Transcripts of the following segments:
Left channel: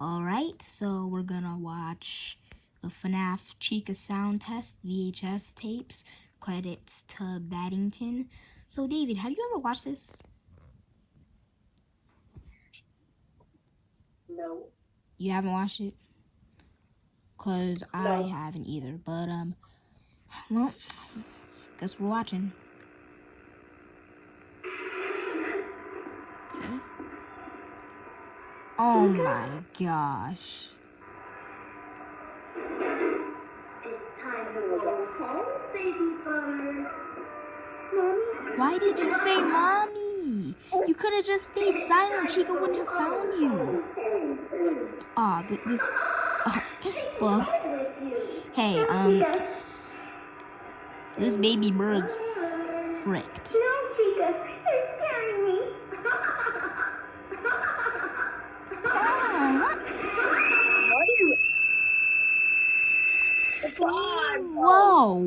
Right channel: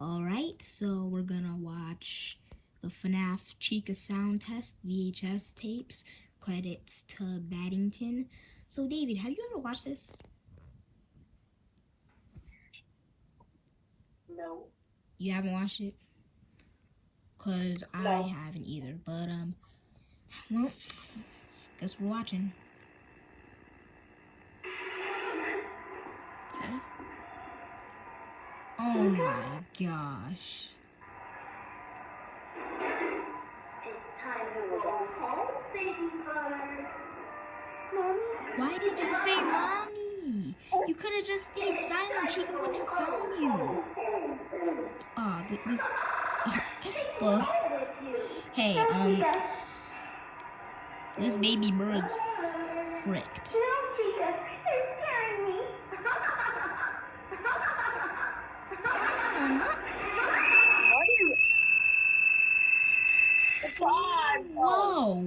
Alright, so we're gonna watch the FNAF Chica sound test VHS tapes. Credits to Battington. So David, have you ever watched this? No. You haven't watched it? Cause I haven't either. But well, guess we're watching. Okay. Oh my gosh. Why did you say mommy? You could have just stayed silent. Chica wouldn't have found you. Aw, this. Well, hey, this baby bird's fricked. No, Chica, you're scaring me.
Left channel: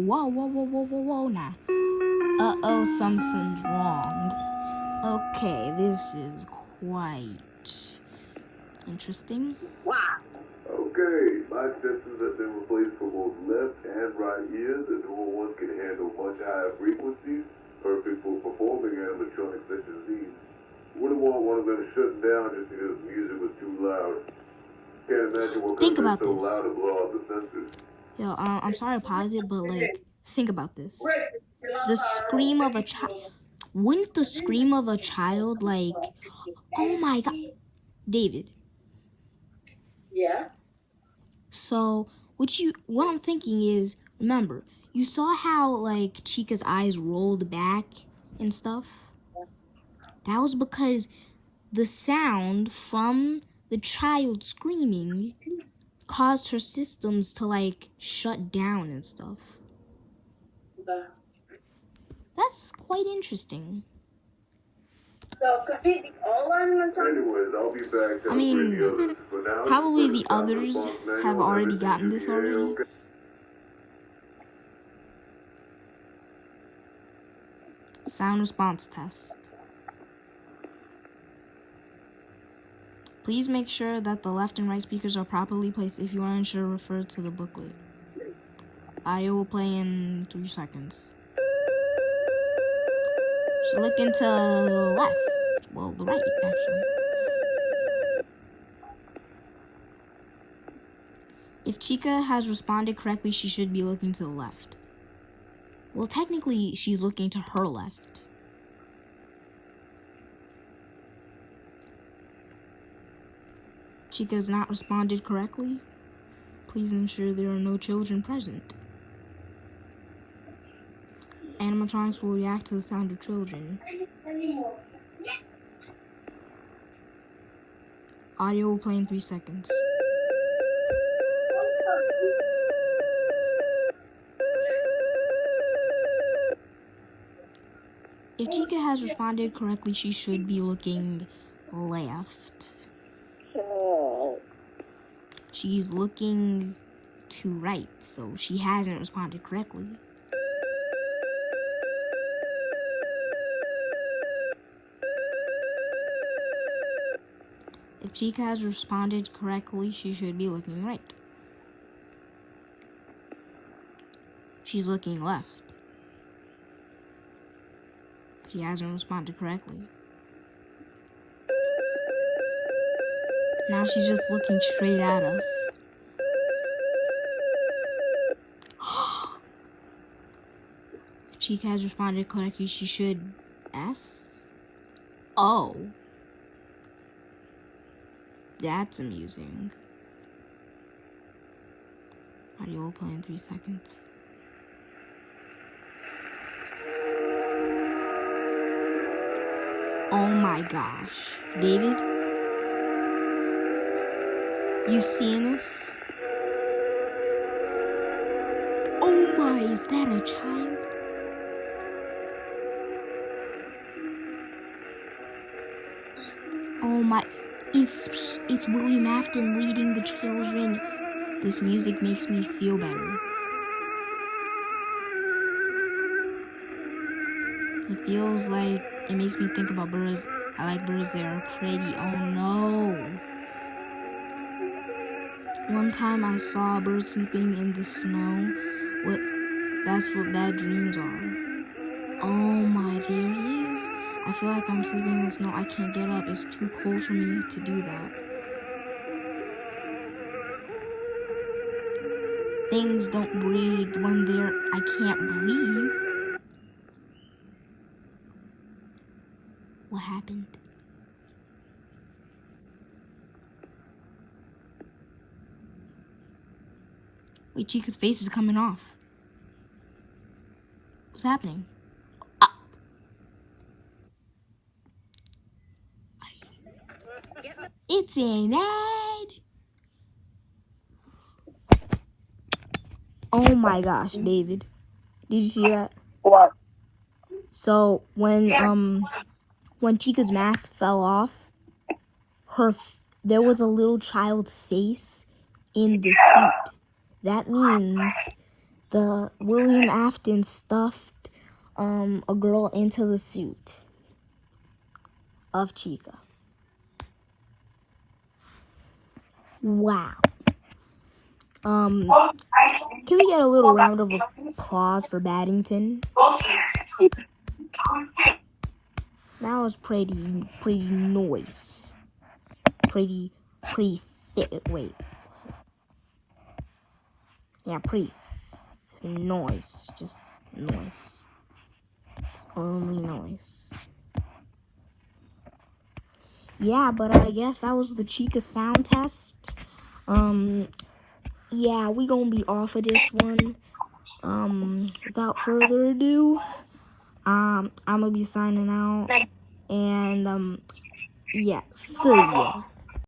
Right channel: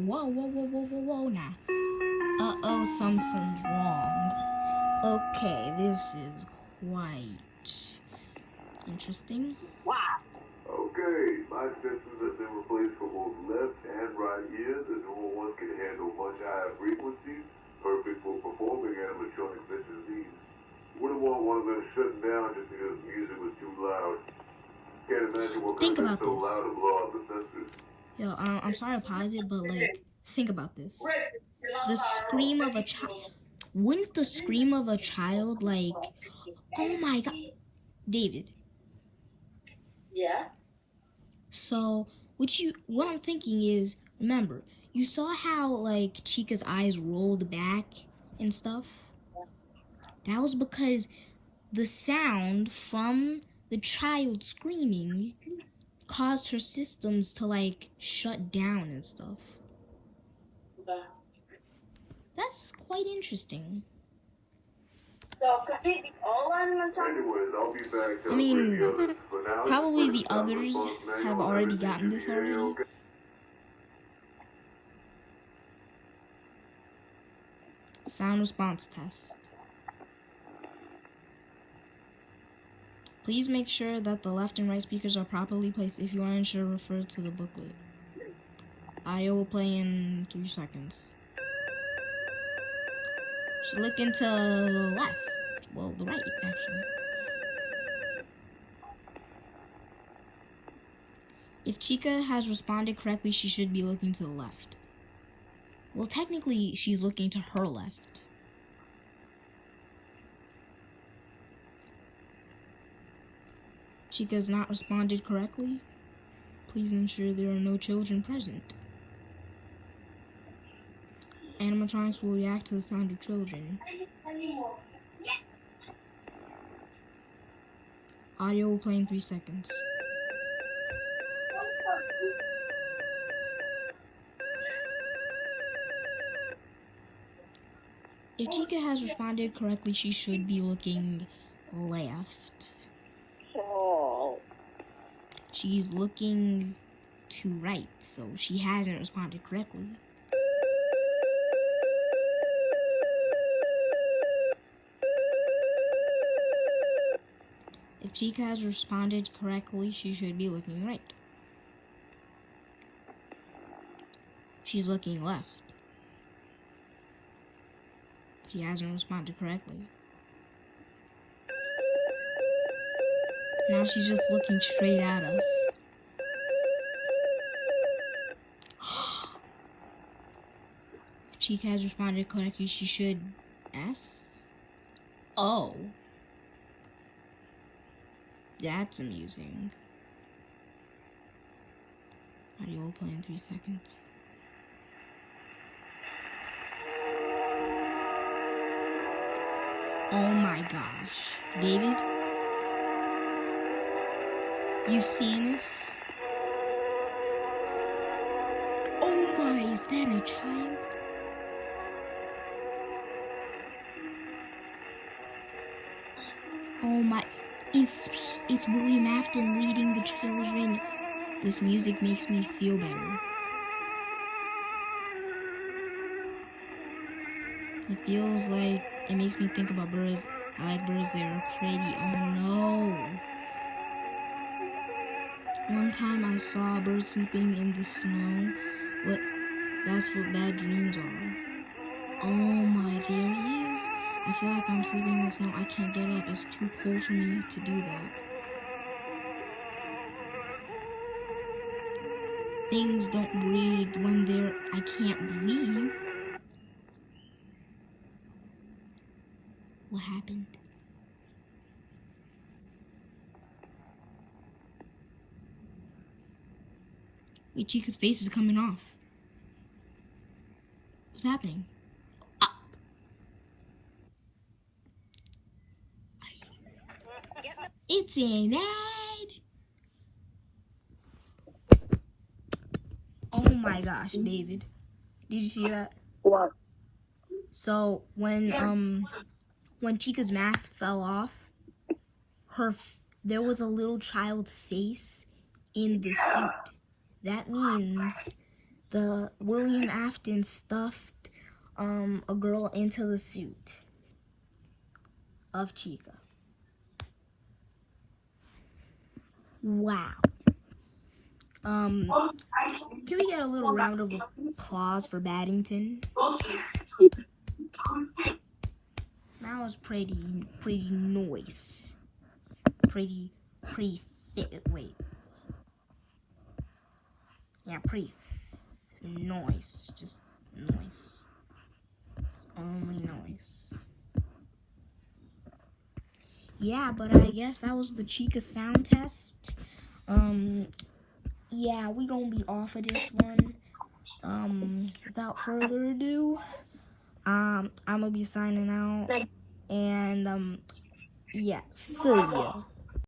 Whoa, now. Uh-oh, something's wrong. Okay, this is quite interesting. Wow. Okay, my sensors have been replaced for both left and right ears. The newer ones can handle much higher frequencies, perfect for performing animatronics such as these. Wouldn't want one of them shut down just because the music was too loud. Can't imagine what could have been so loud to blow out the sensors. Yo, I'm sorry to pause it, but like, think about this. The scream of a child. Wouldn't the scream of a child, like, oh my god, David? Yeah. So, what I'm thinking is, remember, you saw how, like, Chica's eyes rolled back and stuff? That was because the sound from the child screaming caused her systems to, like, shut down and stuff. That's quite interesting. So, could we be all animatronics? Anyways, I'll be back. I mean, probably the others have already gotten this already. Sound response test. Please make sure that the left and right speakers are properly placed. If you are unsure, refer to the booklet. Audio will play in 3 seconds. Should look into the left. Well, the right, actually. If Chica has responded correctly, she should be looking to the left. Well, technically, she's looking to her left. Chica has not responded correctly. Please ensure there are no children present. Animatronics will react to the sound of children. Audio will play in 3 seconds. If Chica has responded correctly, she should be looking left. She's looking to right, so she hasn't responded correctly. If Chica has responded correctly, she should be looking right. She's looking left. She hasn't responded correctly. Now she's just looking straight at us. If Chica has responded correctly, she should S. Oh. That's amusing. Audio will play in 3 seconds. Oh my gosh. David? You seeing this? Oh my, is that a child? Oh my, it's William Afton leading the children. This music makes me feel better. It feels like it makes me think about birds. I like birds, they are pretty. Oh no. One time I saw a bird sleeping in the snow. That's what bad dreams are. Oh my, there he is. I feel like I'm sleeping in the snow. I can't get up. It's too cold for me to do that. Things don't breathe when I can't breathe. What happened? Wait, Chica's face is coming off. What's happening? It's an ad. Oh my gosh, David. Did you see that? What? So when Chica's mask fell off, there was a little child's face in the suit. That means the William Afton stuffed a girl into the suit of Chica. Wow. Can we get a little round of applause for Battington? That was pretty nice. Pretty thick. Wait. Yeah, pretty nice. Just nice. It's only nice. Yeah, but I guess that was the Chica sound test. Yeah, we gonna be off of this one. Without further ado, I'm gonna be signing out. And yeah, see ya.